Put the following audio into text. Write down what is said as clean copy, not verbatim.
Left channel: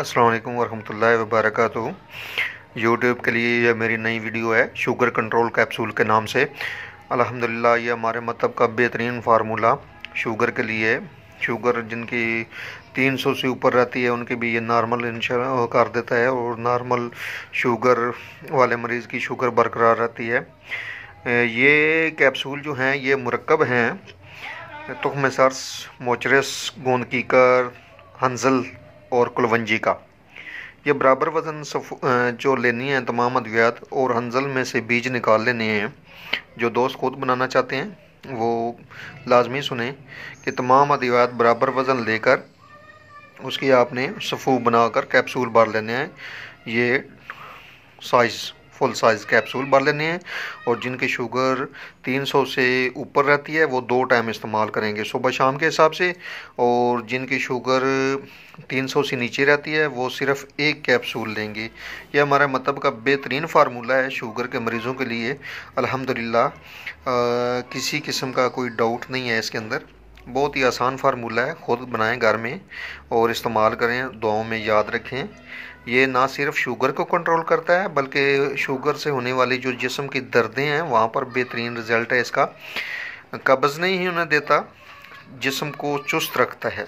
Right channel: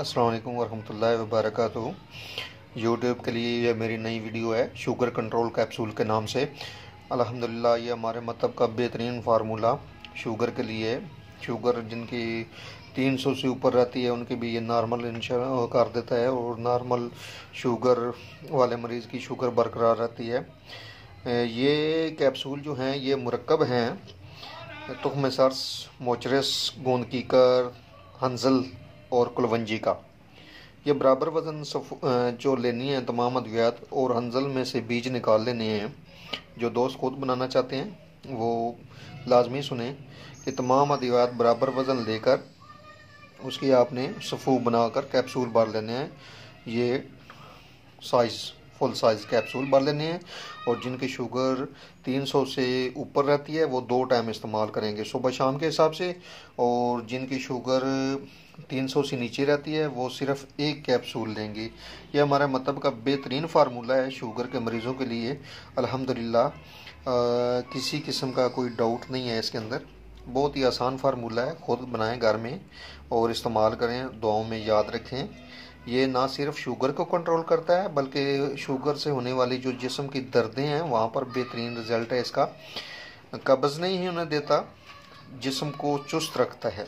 अस्सलाम वालेकुम वरहमतुल्लाहि वबरकातुहू। यूट्यूब के लिए यह मेरी नई वीडियो है शुगर कंट्रोल कैप्सूल के नाम से। अल्हम्दुलिल्लाह ये हमारे मतलब का बेहतरीन फार्मूला शुगर के लिए है। शुगर जिनकी 300 से ऊपर रहती है उनकी भी ये नॉर्मल इंश्योर कर देता है और नॉर्मल शुगर वाले मरीज़ की शुगर बरकरार रहती है। ये कैप्सूल जो हैं ये मुरक्कब हैं तुख्म सर्स, मोचरस, गोंद कीकर, हंजल और कुलवंजी का। ये बराबर वज़न जो लेनी है तमाम अद्वियात, और हंजल में से बीज निकाल लेने हैं। जो दोस्त खुद बनाना चाहते हैं वो लाजमी सुने कि तमाम अद्वियात बराबर वज़न लेकर उसकी आपने सफ़ू बनाकर कैप्सूल भर लेने हैं। ये फुल साइज़ कैप्सूल भर लेने हैं और जिनकी शुगर 300 से ऊपर रहती है वो 2 टाइम इस्तेमाल करेंगे, सुबह शाम के हिसाब से। और जिनकी शुगर 300 से नीचे रहती है वो सिर्फ 1 कैप्सूल लेंगे। यह हमारा मतलब का बेहतरीन फार्मूला है शुगर के मरीज़ों के लिए। अल्हम्दुलिल्लाह किसी किस्म का कोई डाउट नहीं है इसके अंदर। बहुत ही आसान फार्मूला है, ख़ुद बनाएं घर में और इस्तेमाल करें, दुआओं में याद रखें। ये ना सिर्फ शुगर को कंट्रोल करता है बल्कि शुगर से होने वाली जो जिस्म की दर्दें हैं वहाँ पर बेहतरीन रिज़ल्ट है इसका। कब्ज़ नहीं होने देता, जिस्म को चुस्त रखता है।